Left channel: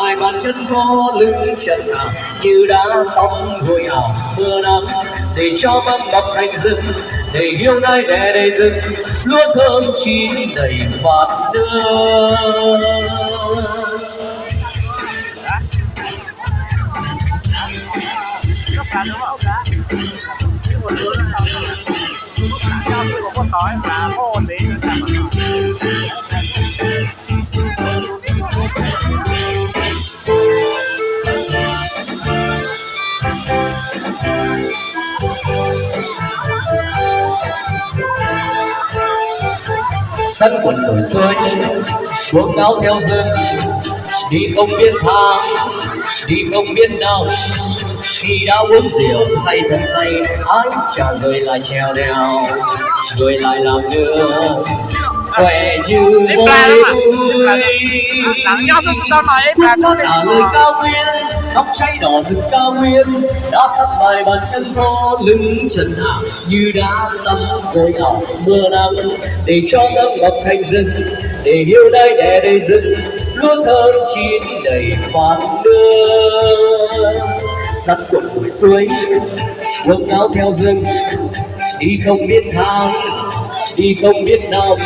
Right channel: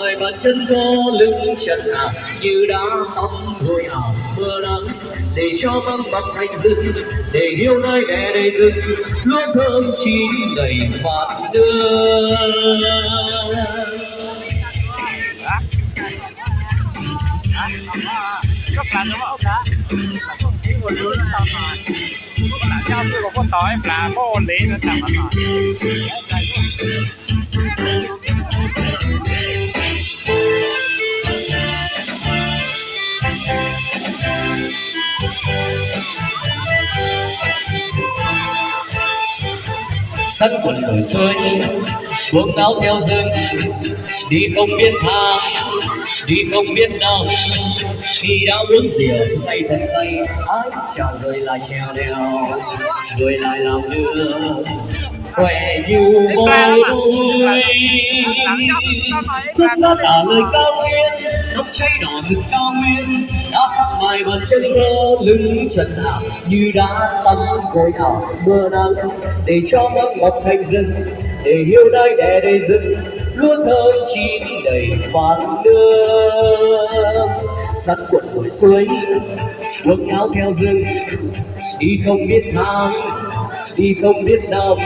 mai bàn chân vô lưng chân hạ như đã tắm gội ảo mưa nắng để cho mâm bọc thành rừng để yêu nai đẻ đầy rừng lúa thơm chín đầy bát nước. Sắc quần đổi xuôi xuống áo theo rừng đi không biết thang đi không biết nào khi đã uống rượu say thật say ái chà rồi lại trèo đèo rồi lại làm nữa khỏe như vui cũng đã trả lời cao nguyên tóc cháy đỏ rực cao nguyên đã sắp vài bàn chân thô lưng trần hạ như đã tắm gội ảo mưa nắng để cho ngắm ngọc thành rừng để yêu đai đẻ đầy rừng lúa thơm chín đầy khoan nước. Sắc cuộn nổi suối xuống áo theo rừng đi không biết thang đi không biết nào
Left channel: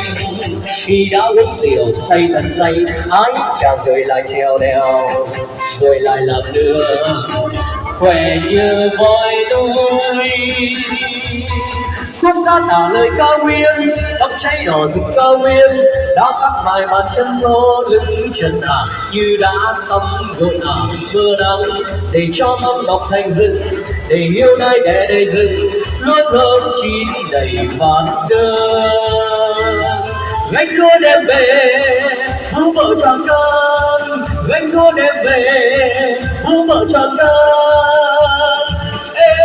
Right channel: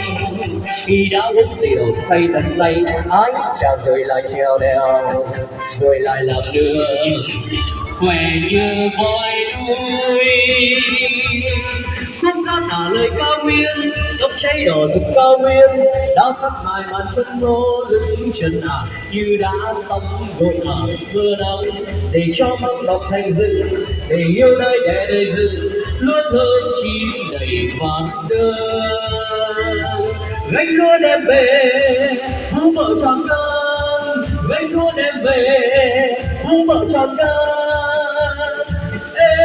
khi đã uống rượu say thật say ái chà rồi lại trèo đèo rồi lại làm nữa khỏe như voi đuôi khúc đã tả lời cao nguyên tóc cháy đỏ rực cao nguyên đã sắp vài bàn chân lô lưng trần hạ như đã tắm gội ảo mưa nắng để cho ngắm ngọc thành rừng để yêu nai đẻ đầy rừng lúa thơm chín đầy bát nước. Gánh lúa đem về vũ vợ tròn cân gánh lúa đem về vũ vợ tròn cân. Hey.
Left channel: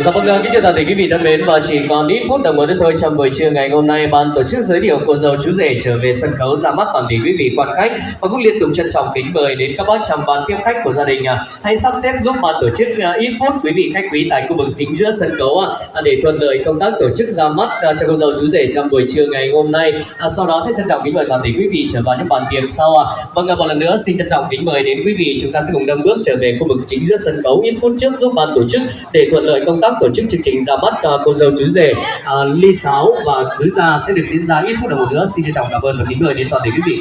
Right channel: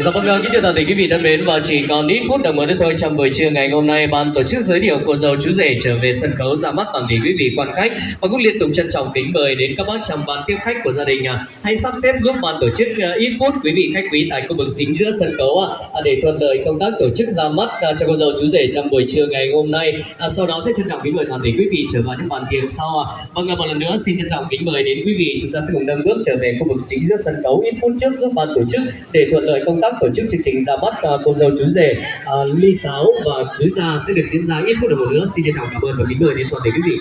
Dạ vâng, kính thưa toàn thể quý vị thân mến, và chỉ còn ít phút đồng hồ nữa thôi trong buổi trưa ngày hôm nay, ban tổ chức giới thiệu cô dâu chú rể trở về sân khấu ra mắt toàn thể quý vị quan khách và cũng liên tục trân trọng kính mời đến các bác trong ban tiếp khách của gia đình hãy sắp xếp giúp ban tổ chức ít phút quý vị khách quý tại khu vực chính giữa sân khấu để thuận lợi công tác tổ chức ra mắt cho cô dâu chú rể trong buổi trưa ngày hôm nay. Sau đó sẽ trân trọng kính mời toàn thể quý vị trở vào những bàn tiệc sau. Vâng, một lần nữa xin trân trọng kính mời đến quý vị, chúng ta sẽ cùng nâng bước trở về khu vực chính giữa sân khấu ít phút trước giúp ban tổ chức để thuận lợi công tác tổ chức chương trình ra mắt cô dâu chú rể ly sáo và cưới gia sẽ được diễn ra ít phút đồng hồ nữa. Xin trân trọng cảm ơn và kính mời đến toàn thể quý vị.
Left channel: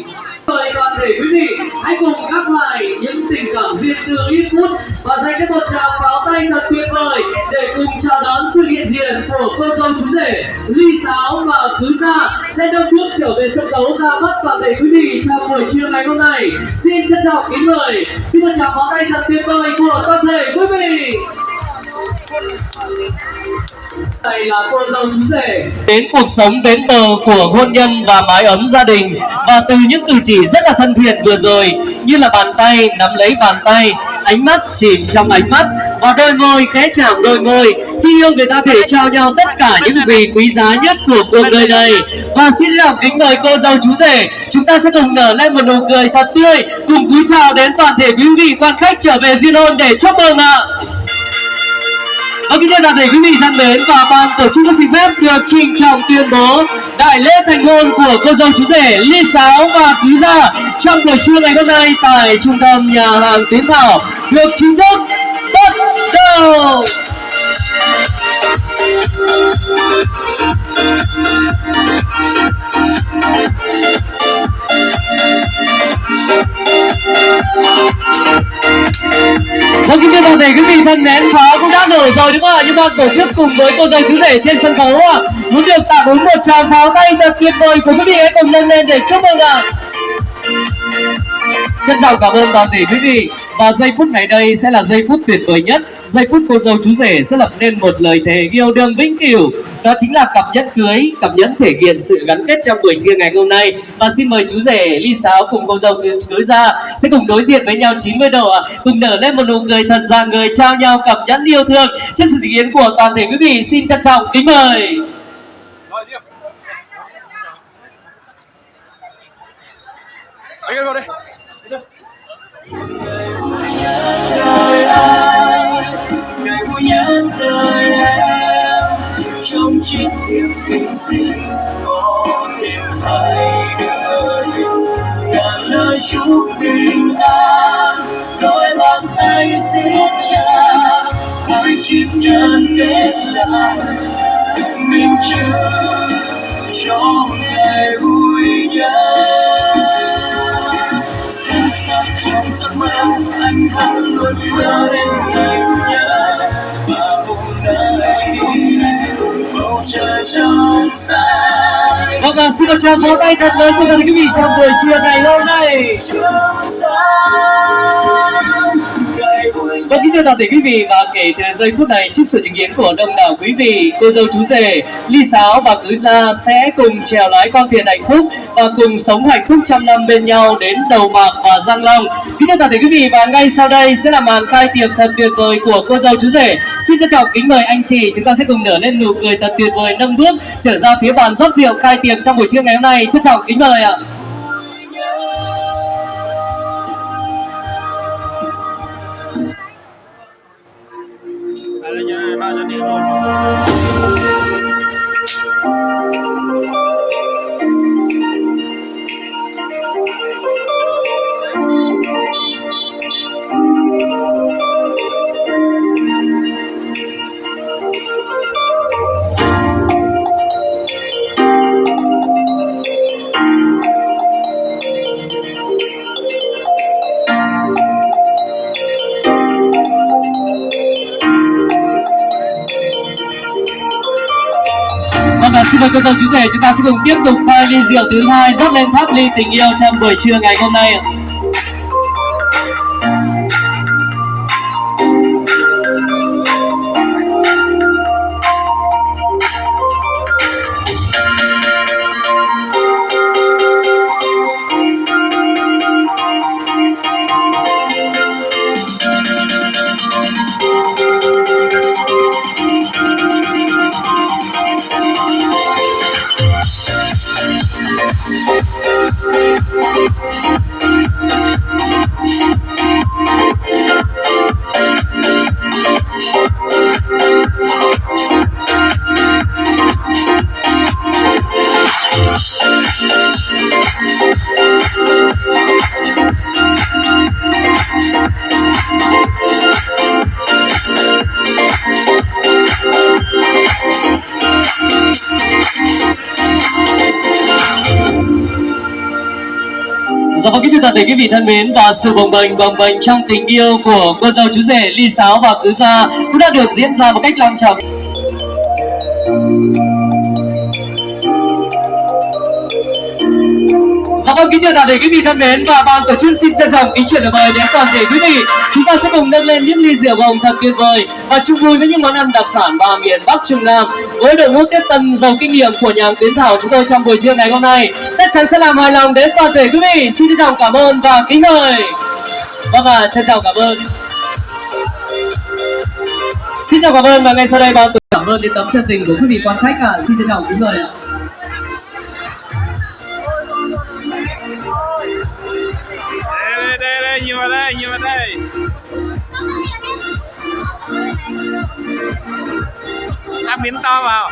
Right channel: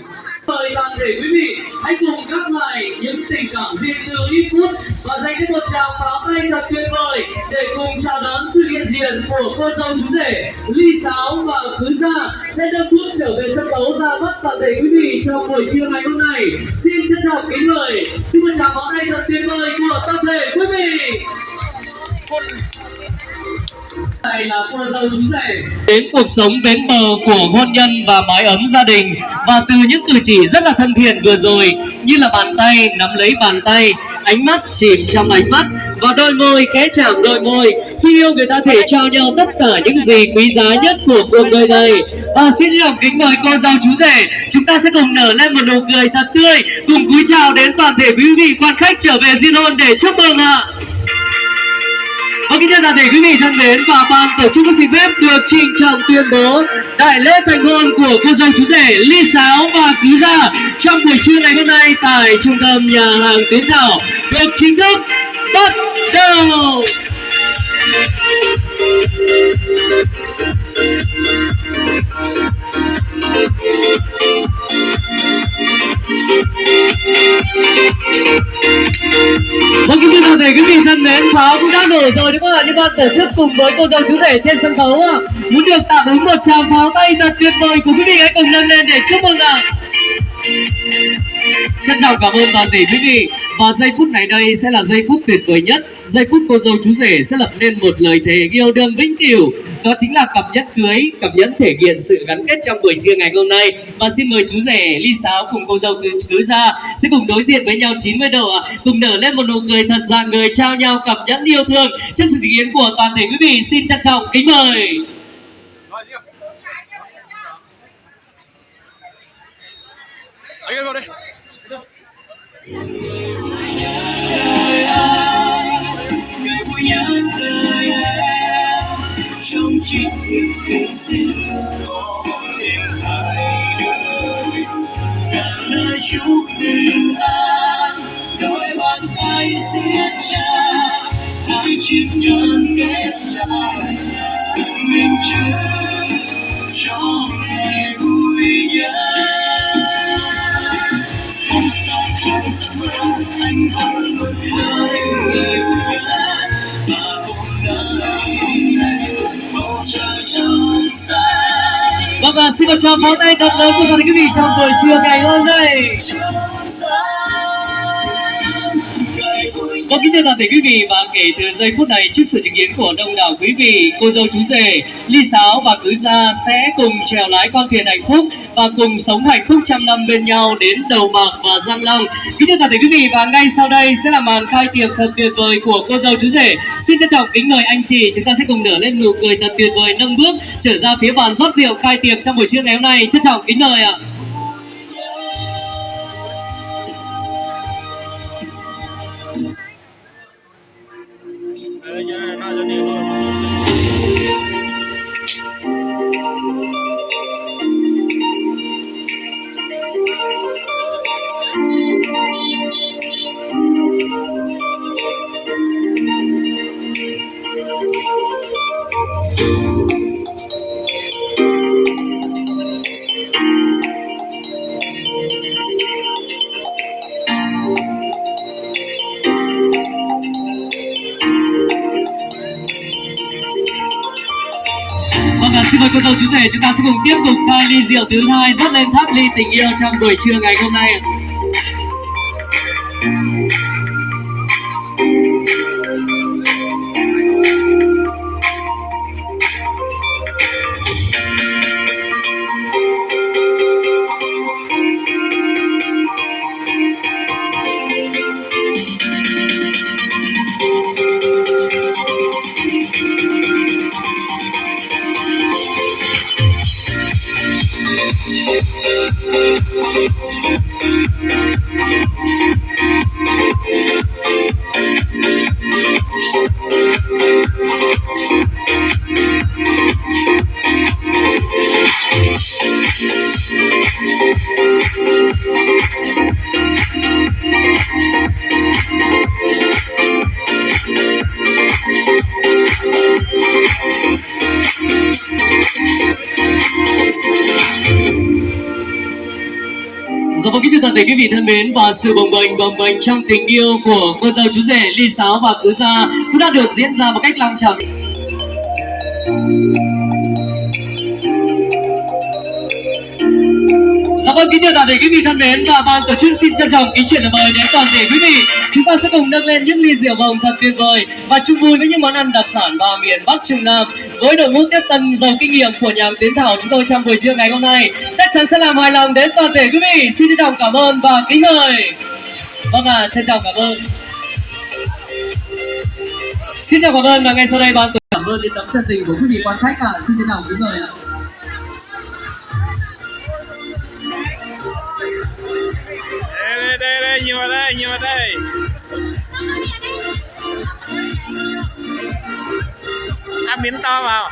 Mời toàn thể quý vị hãy cùng gác lại những tình cảm riêng tư ít phút và dành đến một tràng pháo tay thật tuyệt vời để cùng chào đón sự hiện diện của cô dâu chú rể ly sáo và cưới gia sẽ nâng bước trở về sân khấu ra mắt toàn thể quý vị trong buổi trưa ngày hôm nay. Xin trân trọng kính mời, xin một tràng pháo tay thật tuyệt vời của toàn thể quý vị. Đây là cô dâu chú rể đến cuộc sống bến bờ của hôn nhân và mái ấm gia đình, và từ những cử chỉ rất là thân thiện vừa rồi như là bàn tay nắm lấy bàn tay, ánh mắt chìm trong ánh mắt và đôi môi khẽ chạm đôi môi, khi yêu người ta thể trao nhau tất cả những gì quý giá nhất của cuộc đời này. Và xin lòng kính mời cô dâu chú rể, chúng ta sẽ cùng nở lên một nụ cười thật tươi, cùng cúi chào đến toàn thể quý vị quan khách trở về diên hôn để chúc mừng ạ. Kính thưa toàn thể quý vị thân mến, và ban tổ chức có xin phép được trịnh trọng tuyên bố đại lễ thành hôn của cô dâu chú rể ly sáo và cưới gia trong buổi trưa ngày hôm nay tại trung tâm nhà hàng Tiến Thảo được chính thức bắt đầu. Vâng, kính thưa toàn thể quý vị thân mến, pháo cũng đã nổ rồi đúng không ạ? Nhưng ban tổ chức cùng với cô dâu chú rể trên sân khấu muốn được tạm ứng một tràng pháo tay thật tuyệt vời của quý vị, hãy cùng nâng lên để chúc mừng ạ. Trân trọng cảm ơn toàn thể quý vị, và giây phút này đây sẽ là giây phút tuyệt vời nhất, giây phút cô dâu chú rể sẽ lập nên một lời thề yêu đương vĩnh cửu, đó chính là cặp nhẫn cưới, cặp nhẫn thể hiện sự gắn kết trong buổi trưa ngày hôm nay. Và xin mời chú rể ly sáo cùng cô dâu cưới gia sẽ cùng đối diện với nhau 90 độ, cùng nở lên một nụ cười thật rạng ngời trao nhau cặp nhẫn yêu thương. Trước sự chứng kiến của toàn thể quý vị, xin trân trọng kính mời. Ngày vui nhất đời em trong chiếc thiệp xinh xinh. hai đời ngàn lời chúc bình an đôi bàn tay siết chặt hai chiếc nhẫn kết lại mình chưa cho ngày vui nhất xa xa trong giấc mơ anh vẫn luôn nhớ đến ngày vui nhất và hôm nay bầu trời trong xanh. Vâng, và xin một tràng pháo tay thật lớn của tất cả quý vị trong buổi trưa ngày hôm nay. Vâng, kính thưa toàn thể quý vị, và kể từ giây phút này trước sự chứng kiến của đông đảo quý vị, cô dâu chú rể ly sáo và cưới gia sẽ cùng chèo lái con thuyền hạnh phúc và cùng sống hạnh phúc trăm năm bên nhau đến đầu bạc và răng long. Kính thưa toàn thể quý vị, và ngay sau đây sẽ là màn khai tiệc thật tuyệt vời của cô dâu chú rể. Xin trân trọng kính mời anh chị, chúng ta sẽ cùng nở lên nụ cười thật tuyệt vời, nâng bước trở ra phía bàn rót rượu khai tiệc trong buổi trưa ngày hôm nay. Trân trọng kính mời ạ. Xin mời cô dâu chú rể, chúng ta sẽ cùng tiếp tục pha ly rượu thứ hai rót lên tháp ly tình yêu trong buổi trưa ngày hôm nay. Dạ vâng, kính thưa toàn thể quý vị thân mến, và sự bồng bềnh trong tình yêu của cô dâu chú rể ly sáo và cưới gia cũng đã được diễn ra một cách long trọng. Dạ vâng, kính thưa toàn thể quý vị thân mến, và ban tổ chức xin trân trọng kính chuyển lời mời đến toàn thể quý vị. Chúng ta sẽ cùng nâng lên những ly rượu hồng thật tuyệt vời và chung vui với những món ăn đặc sản và miền Bắc Trung Nam với đội ngũ tiếp tân giàu kinh nghiệm của nhà hàng Tiến Thảo chúng tôi trong buổi trưa ngày hôm nay chắc chắn sẽ làm hài lòng đến toàn thể quý vị. Xin trân trọng cảm ơn và kính mời. Vâng ạ, trân trọng cảm ơn. Xin chào cảm ơn, và ngay sau đây ban tổ chức cảm ơn đến tấm chân tình của quý vị quan khách ạ. Xin trân trọng kính mời ạ. Nhiều vào đây. Ăn miếng to vào.